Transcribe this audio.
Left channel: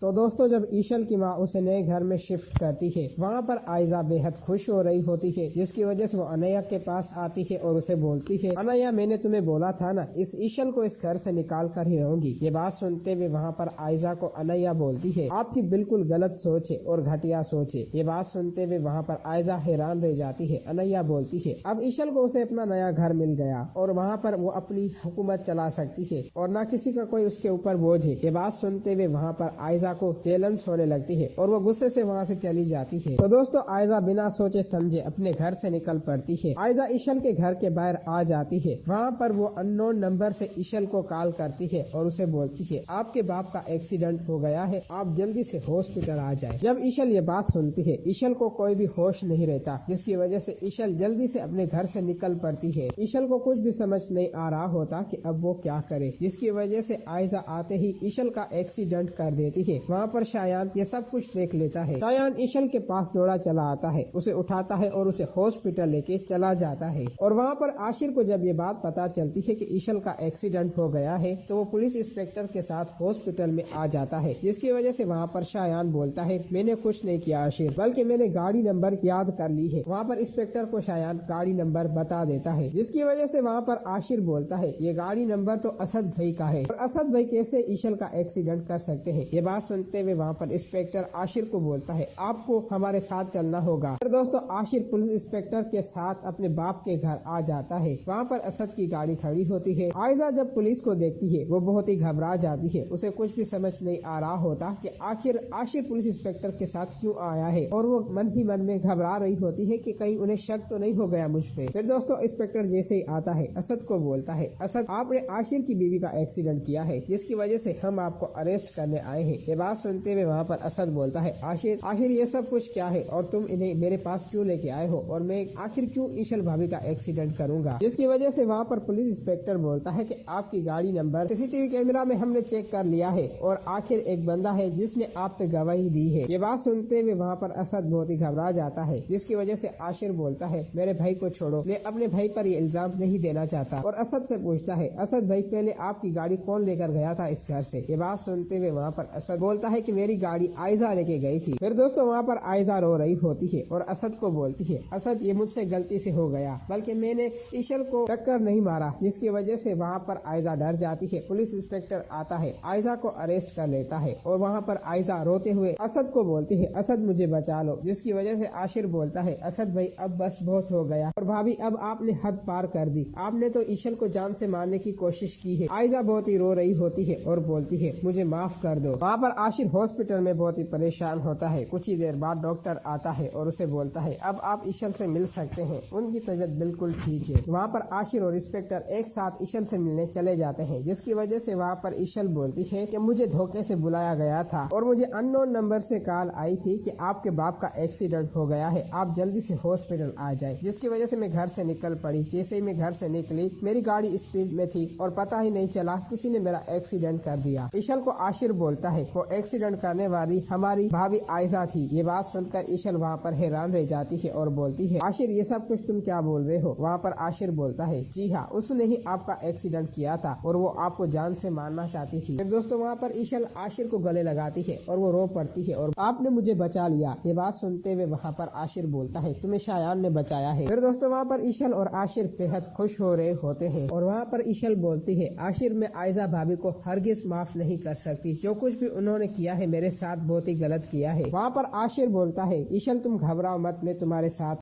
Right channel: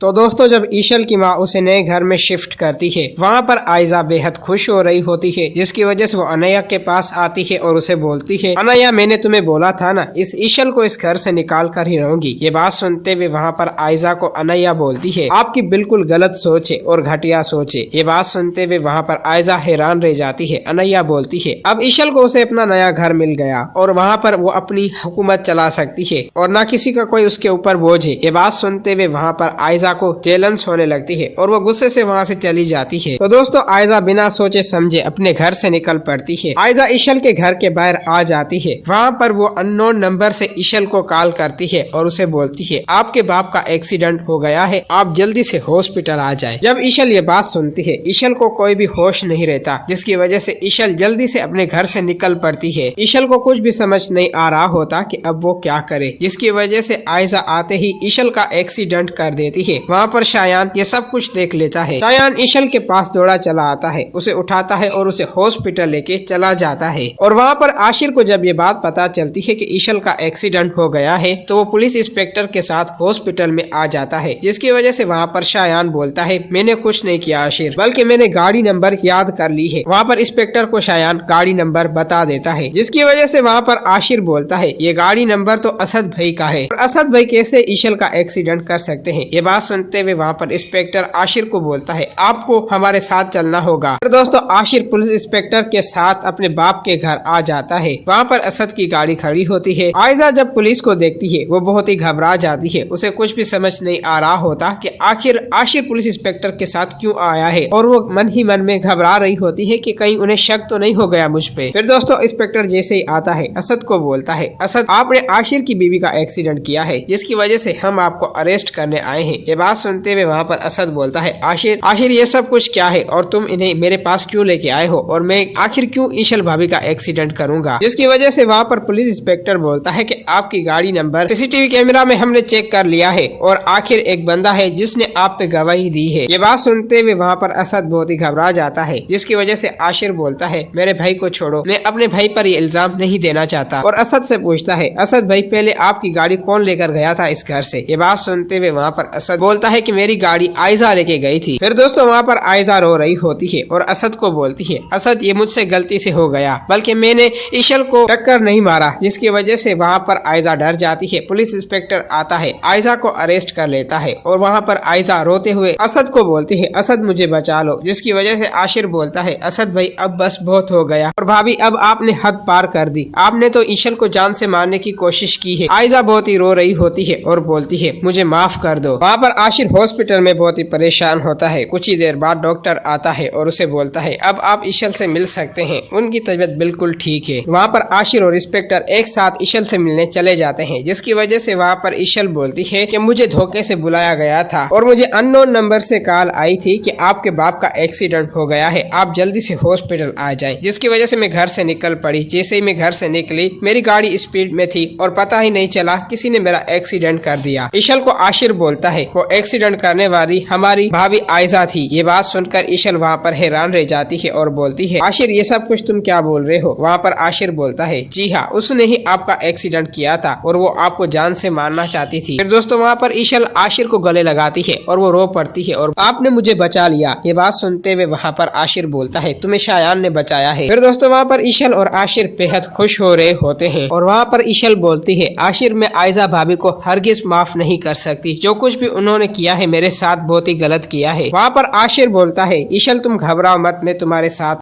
तो दोस्तों जब ईशल की माँ उसे नए घर में शिफ्ट करती है, वहाँ पर आयजा बेहद खुश हो रही होती है, जिसकी वजह से वो अनैया के पास आती है और उसे बोलती है, अनैया मैंने तुम्हें बोला था ना, इस ईशल को इस घर से निकाल कर ही रहूंगी। ये बात सुनते हुए वहाँ पर आयजा को अनैया बोलती है, आपकी बिल्कुल गलत सोच है और घटिया सोच है। ये बात सुनते हुए वहाँ पर आयजा हैरान रह जाती है। अनैया बोलती है, अब ईशल को उसे अपना नया घर मिल गया और वहाँ पर वो अपनी हुकूमत चला सकती है और न किसी का कोई उसके ऊपर बोझ है। ये बात सुनते हुए वहाँ पर आयजा को जेलंस होने लगती है और वो गुस्से से वहाँ से चली जाती है। तो दोस्तों आयजा बिना सोचे समझे अपने घर से निकल पड़ती है। आयजा ईशल के घर के बाहर आ जाती है। वहाँ पर वो अननोन नंबर से ईशल को कॉल करती है और उसे बोलती है, आपके बाप का एक्सीडेंट हो गया है, आप जल्दी से हॉस्पिटल आ जाए। जब ईशल ये बात सुनती है, ईशल को कोई भी होश नहीं रहता, जिसकी वजह से ईशल जल्दी से अपने घर से निकल पड़ती है। ईशल को कुछ भी समझ नहीं आ रहा होता कि अब वो क्या करे, जिसकी वजह से आयजा आते ही ईशल का एक्सीडेंट कर देती है। वहाँ पर शायान ये सब कुछ देख लेता है। शायान ईशल के पास दौड़ा चला आता है, उसे उठाता है और उसे हॉस्पिटल लेके चला जाता है। और वहाँ पर आशिर को जब ये बात पता चलती है कि ईशल का एक्सीडेंट हो गया है, तो वो पुलिस इंस्पेक्टर के साथ हॉस्पिटल में आ जाता है, जिसकी वजह से वहाँ पर शायान बोलता है, मैंने कुछ नहीं किया आशिर, बल्कि मैंने गाड़ी नंबर याद कर ली है। वहाँ पर इंस्पेक्टर को शायान गाड़ी नंबर बता देता है, जिसकी वजह से वहाँ पर आशिर बोलता है, ये गाड़ी नंबर तो असद भाई का है और असद भाई कैसे ईशल का एक्सीडेंट कर सकते हैं। ये बात सुनते हुए वहाँ पर इंस्पेक्टर आशिर को बोलता है, आपको हमारे साथ चलना होगा। और दोस्तों आशिर पुलिस इंस्पेक्टर के साथ अपने बाप के घर आ जाता है। वहाँ पर असद की गाड़ी खड़ी होती है। आयजा जब पुलिस को देखती है, वो बहुत ही घबरा जाती है। उसे कुछ भी समझ नहीं आ रहा होता कि आखिर आशिर पुलिस इंस्पेक्टर के साथ क्यों आया है, और वो मन ही मन में घबरा रही होती है कि कहीं उन्हें शक तो नहीं हो गया मुझ पे। फिर दोस्तों इंस्पेक्टर जैसे ही आता है, असद को बोलता है, असद आपने आशिर की बीवी का एक्सीडेंट किया है, जिसकी वजह से हम आपको अरेस्ट करने आए हैं। ये बात सुनते हुए वहाँ पर असद बोलता है, आशिर ये सब कुछ क्या है और तुम इन्हें मेरे पास क्यों लेके आए हो, और मैं आखिर क्यों ईशल भाभी का एक्सीडेंट करूंगा। जिसकी वजह से वहाँ पर पुलिस इंस्पेक्टर बोलता है कि आपकी गाड़ी नंबर सीसीटीवी कैमरा में हमने चेक कर लिया है और आखिर एक बंदा है जिसने आप पे गवाही दी है। ये बात सुनते हुए वहाँ पर असद बहुत ही घबरा जाता है, जिसकी वजह से आशिर बोलता है, मेरे भाई को छोड़ो, मैं अपने भाई पर ये इल्जाम नहीं देना चाहता। और असद से पूछता है, असद भाई पहले आपकी गाड़ी कौन लेकर गया था इस घर से। ये बात सुनते हुए वहाँ पर असद बोलता है कि मेरी गाड़ी आयजा लेके गई थी। फिर दोस्तों वहाँ पर आयजा रो रही होती है और असद को बोलती है, असद ये मुझसे गलती से हो गया, बल्कि मैंने ईशल को टक्कर नहीं मारा। जिसकी वजह से वहाँ पर आयजा डर जाती है। पुलिस इंस्पेक्टर आता है, आयजा को अरेस्ट कर लेता है और वहाँ पर आयजा रोते हुए असद को बोलती है, असद मुझे बचा लो। जिसकी वजह से आशिर बोलता है, असद भाई अब बस बहुत हो गया, और भाभी अब आपने हद पार कर दी, आपने तो ईशल को जान से मारने की कोशिश की है। आयजा बहुत ही रो रही होती है और बोलती है, मुझे माफ कर दो। वहाँ पर आशिर हॉस्पिटल में बहुत ही परेशान होता है। कुछ ही देर बाद डॉक्टर आता है और उसे बोलता है, अब आप ईशल से मिल सकते हैं, उनकी तबीयत बिल्कुल ठीक है। वहाँ पर आशिर और इंस्पेक्टर एक साथ ईशल से मिलने चले जाते हैं, जिसकी वजह से वहाँ पर ईशल बोलती है कि मुझे धोखे से बुलाया गया था और मुझे अननोन नंबर से कॉल आई थी कि आपके बाप का एक्सीडेंट हो गया है, आप जल्दी से हॉस्पिटल आ जाएं। जिसकी वजह से मैं घर से निकल पड़ी। जैसे ही मैं घर से निकली, मेरी गाड़ी स्पीड में थी और पता ही नहीं चला किसी ने मेरा एक्सीडेंट कर दिया। ईशल को आशिर बोलता है, वो एक्सीडेंट करने वाली हमारी भाभी आयजा थी। ये बात सुनकर ईशल वहाँ पर हैरान रह जाती है और बोलती है, आशिर ये सब कुछ तुम क्या बोल रहे हो। वहाँ पर आशिर बोलता है, जी हाँ, उसने ही आपका एक्सीडेंट किया था और वो आपको जान से मारना चाहती थी। फिर दोस्तों वहाँ पर ईशल आशिर को गले लगाती है और वो रो पड़ती है और आपने मुझे बचा लिया। ये बात सुनते हुए वहाँ पर आशिर बोलता है, तुम्हें शायान ने बचाया है। फिर दोस्तों वहाँ पर ईशल और आशिर बेहद खुश हो रहे होते हैं और वहाँ पर ईशल बोलती है, आशिर मैं आयजा भाभी को हरगिज माफ नहीं कर सकती, जो कुछ भी उन्होंने किया है मेरे साथ बहुत ही गलत किया है। वहाँ पर आशिर बोलता है, ईशल तुम घबराओ मत, मैं तुम्हारे साथ